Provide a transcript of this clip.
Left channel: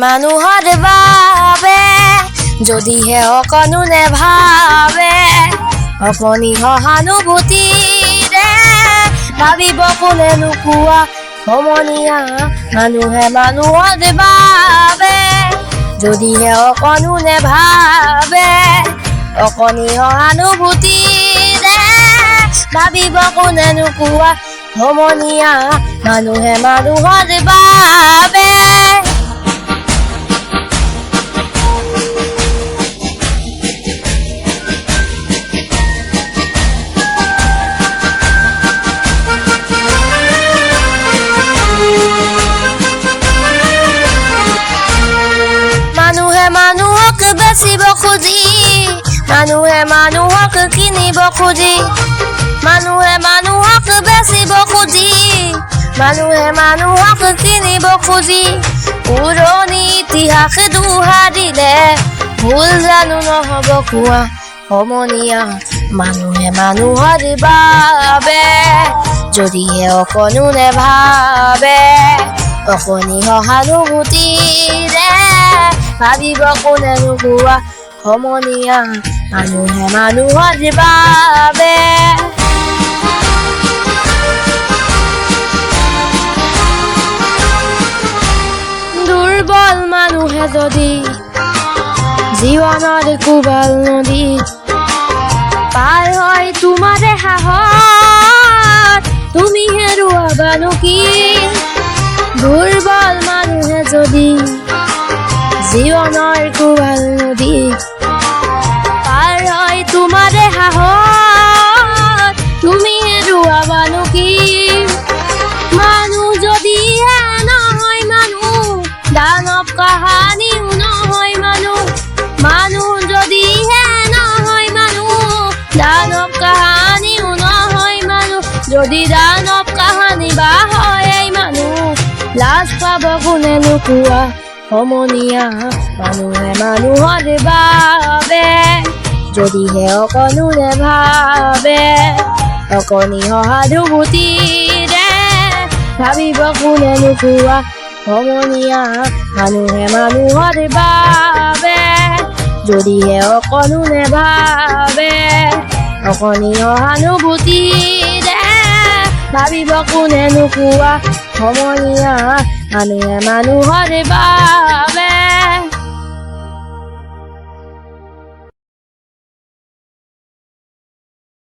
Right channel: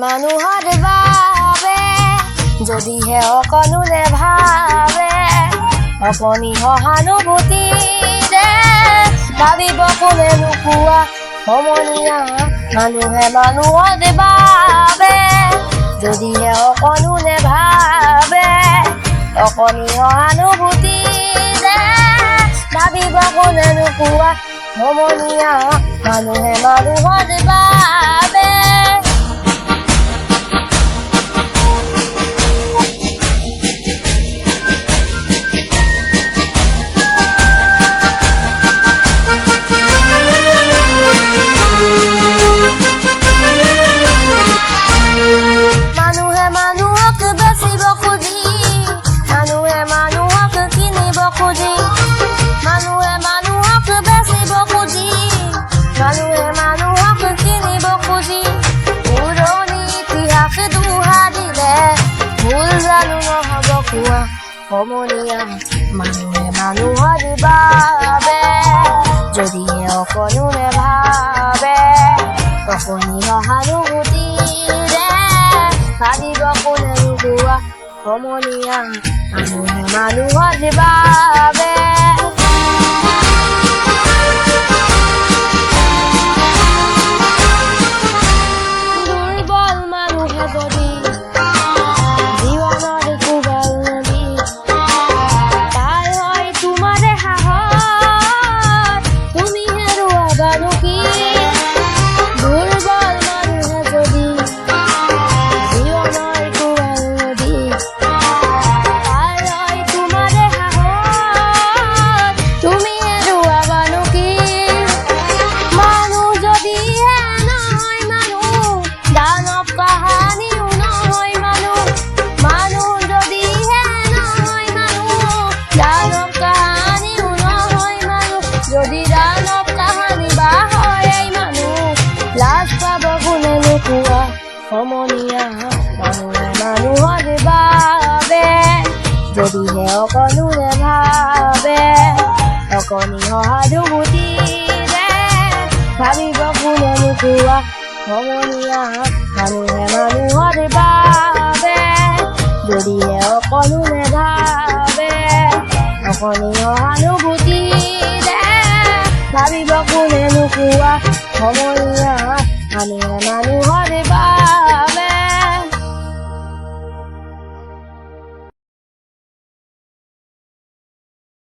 মানুহৰ বাবে যদিহে অকণো নেভাবে অকণি সহানুভূতিৰে ভাবিব কোনে নোকোৱা সমনীয়া মানুহে মানুহৰ বাবে যদিহে অকণো নেভাবে অকণি সহানুভূতিৰে ভাবিব কোনে নোকোৱা সমনীয়া মানুহে মানুহৰ বাবে সমনীয়া মানুহে মানুহৰ বাবে যদিহে অকণো নেভাবে অকণি সহানুভূতিৰে ভাবিব কোনে নোকোৱা সমনীয়া মানুহে মানুহৰ বাবে দুৰ্বল মানুহে যদি জীৱনৰ কোবাল নদী যদি দানৱ কাহানি বা হয় মানুহ লাজ পাব কোনে নোকোৱা সমনীয়া মানুহে মানুহৰ বাবে যদিহে অকণো নেভাবে অকণি সহানুভূতিৰে ভাবিব কোনে নোকোৱা সমনীয়া মানুহে মানুহৰ বাবে যদিহে অকণো নেভাবে অকণি সহানুভূতিৰে ভাবিব কোনে নোকোৱা সমনীয়া মানুহে